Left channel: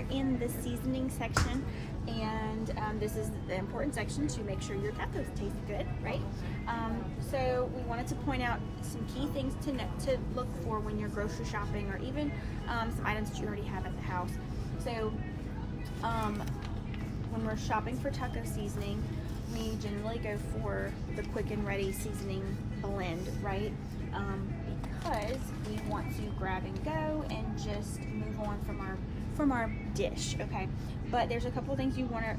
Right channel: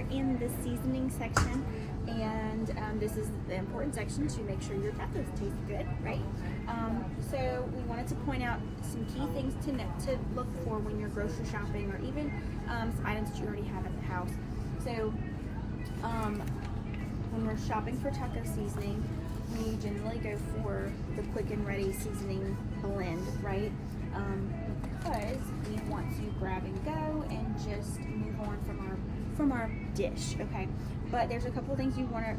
we're in the seasoning section, and this is the important section to make sure your tacos taste good, right? So we wanted to point out some key things to look for when you're grocery shopping, or even some items that you already have at the house. So when we're shopping for taco seasoning, we generally go for the quick and ready seasoning blend, right? Because we want to grab and go and just move on from our dish, okay? But there's a couple of things you want to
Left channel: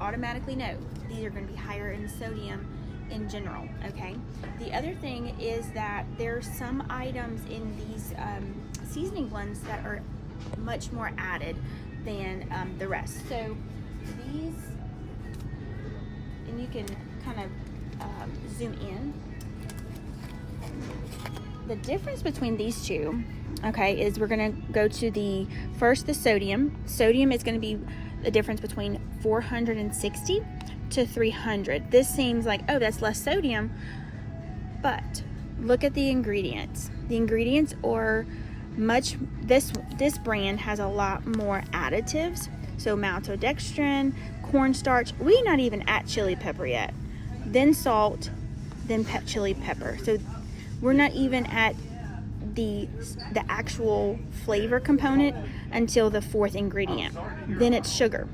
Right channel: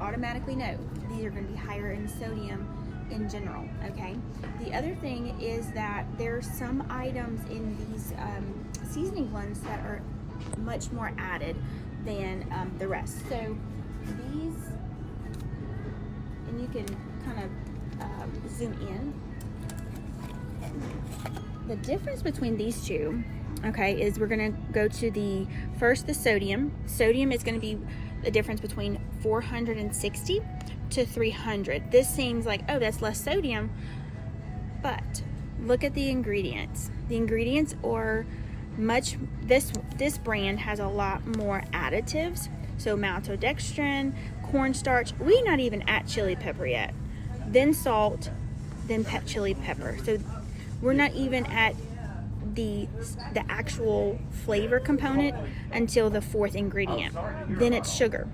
automatically know. These are going to be higher in sodium in general, okay? The other thing is that there's some items in these seasoning blends that are much more added than the rest. So these, and you can kind of zoom in. The difference between these two, okay, is we're going to go to the sodium. Sodium is going to be the difference between 460 to 300. This seems like, oh, that's less sodium, but look at the ingredients. The ingredients are this brand has a lot more additives. So maltodextrin, cornstarch, we're not even at chili pepper yet. Then salt, then chili pepper. So we're not even at the actual flavor component until the fourth ingredient. Then it's sugar.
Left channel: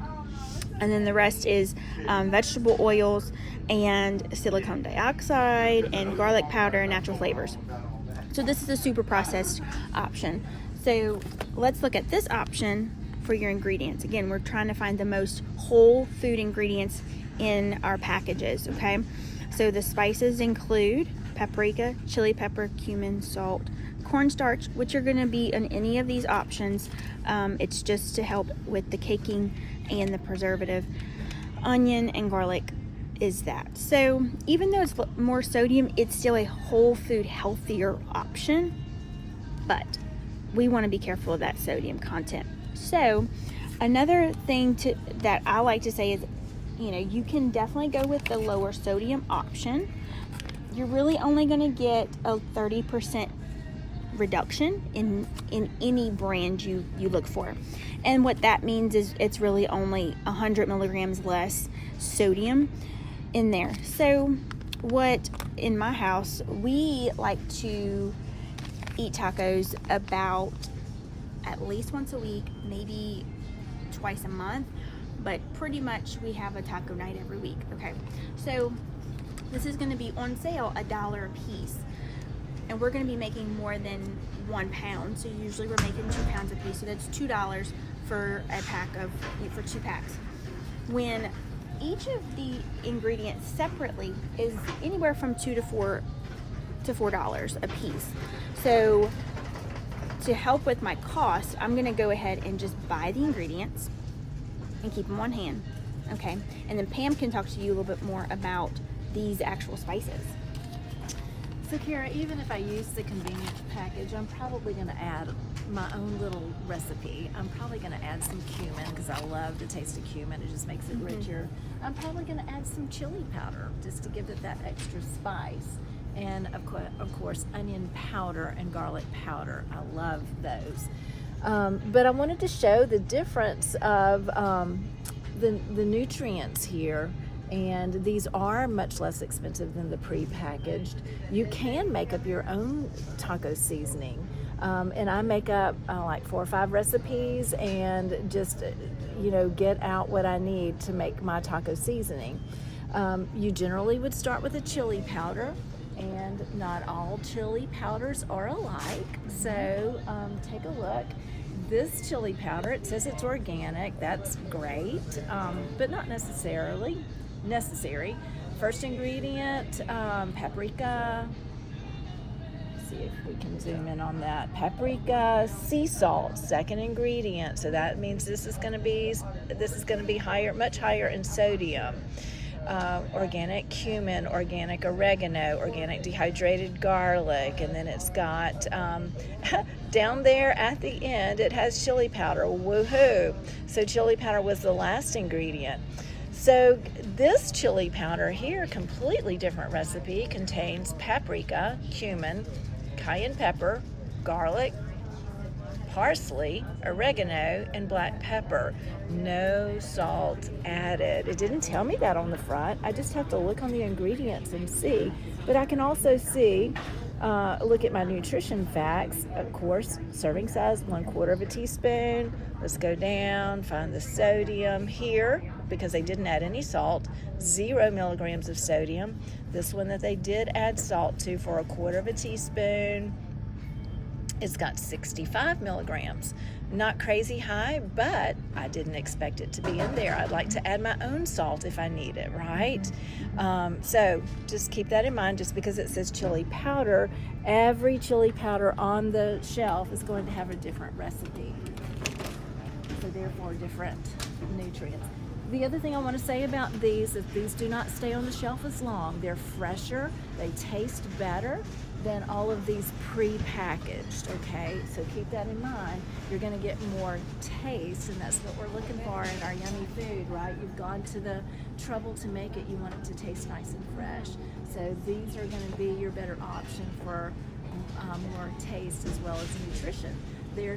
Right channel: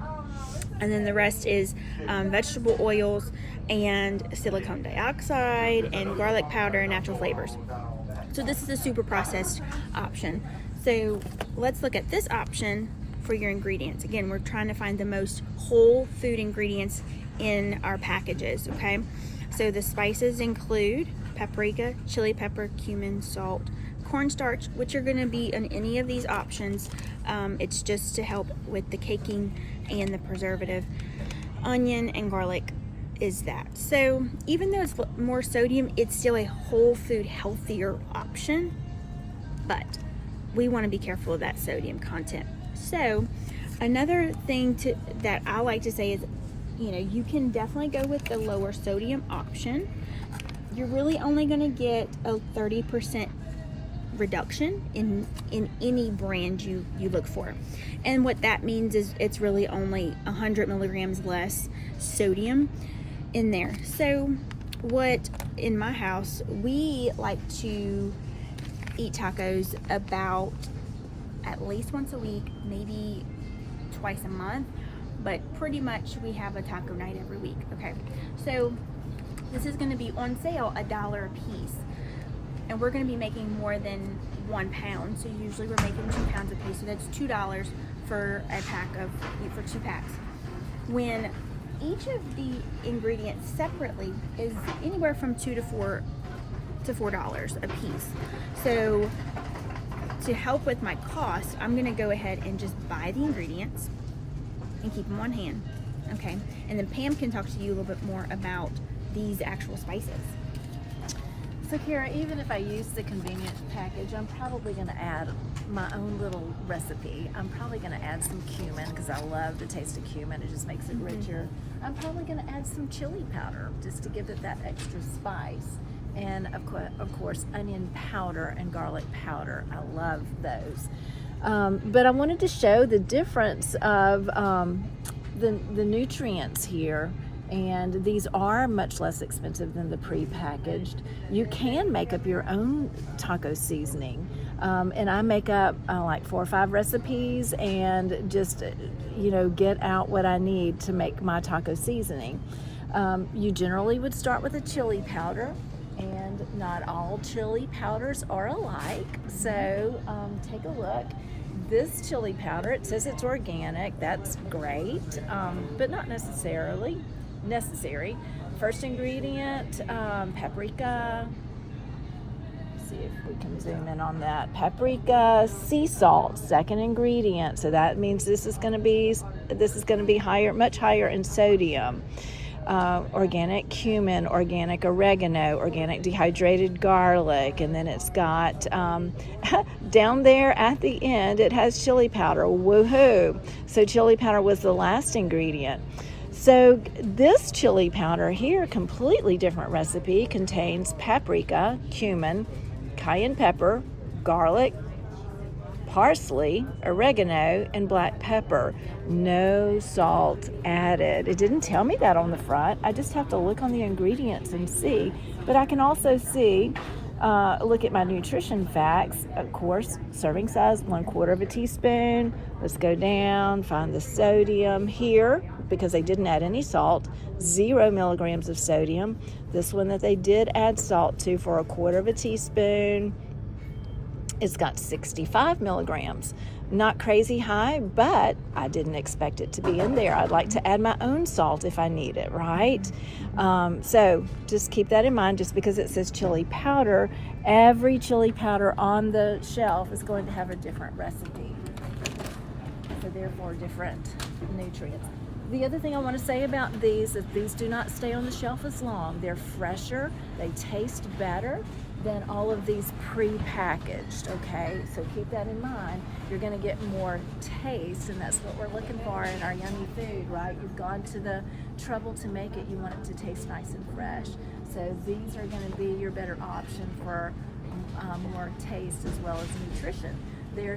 And then the rest is vegetable oils and silicone dioxide and garlic powder and natural flavors. So this is a super processed option. So let's look at this option for your ingredients. Again, we're trying to find the most whole food ingredients in our packages, okay? So the spices include paprika, chili pepper, cumin, salt, cornstarch, which are going to be in any of these options. It's just to help with the caking and the preservative. Onion and garlic is that. So even though it's more sodium, it's still a whole food healthier option, but we want to be careful of that sodium content. So another thing that I like to say is, you can definitely go with the lower sodium option. You're really only going to get a 30% reduction in any brand you look for. And what that means is it's really only 100 milligrams less sodium in there. So what, in my house, we like to eat tacos about at least once a week, maybe twice a month, but pretty much we have a taco night every week, okay? So this is going to be on sale $1 a piece, and we're going to be making more than 1 pound. So usually we're making 2 pounds a piece, so that's $2 for a pack for 2 packs. When each of the ingredients separately is anywhere from $2 to $4 a piece. So to help with my cost, I'm going to go ahead and just buy the ingredients and keep them on hand, okay? And then Pam can talk to you a little bit more about these actual spices. So Kara, even if I use the convenient package, I'm probably going to add my own little recipe. I'm probably going to add some cumin because I love the taste of cumin. It just makes it richer. I'm probably going to add some chili powder just to give it that extra spice. And of course, onion powder and garlic powder. I love those. But I wanted to show the difference of the nutrients here. And these are much less expensive than the pre-packaged. You can make up your own taco seasoning. And I make up like 4 or 5 recipes and just, get out what I need to make my taco seasoning. You generally would start with a chili powder, and not all chili powders are alike. So take a look. This chili powder, it says it's organic. That's great, but not necessarily necessary. First ingredient, paprika. Let's see if we can zoom in on that. Paprika, sea salt, second ingredient. So that means this is going to be higher, much higher in sodium. Organic cumin, organic oregano, organic dehydrated garlic, and then it's got down there at the end it has chili powder. Woohoo! So chili powder was the last ingredient. So this chili powder here, completely different recipe, contains paprika, cumin, cayenne pepper, garlic, parsley, oregano, and black pepper. No salt added. It didn't tell me that on the front. I just have to look on the ingredients and see. But I can also see, look at my nutrition facts. Of course, serving size, 1/4 teaspoon. Let's go down, find the sodium here, because they didn't add any salt, 0 milligrams of sodium. This one that they did add salt to, for 1/4 teaspoon, it's got 65 milligrams. Not crazy high, but I didn't expect it to be in there. I'd like to add my own salt if I need it, right? So just keep that in mind. Just because it says chili powder, every chili powder on the shelf is going to have a different recipe. So therefore different nutrients. The other thing I want to say about these is these do not stay on the shelf as long. They're fresher, they taste better than all of these pre-packaged, okay? So keep that in mind. You're gonna get more taste, and that's what we're looking for in our yummy food, right? You've gone to the trouble to make it, you want it to taste nice and fresh. So these are gonna be your better option for more taste as well as nutrition. There's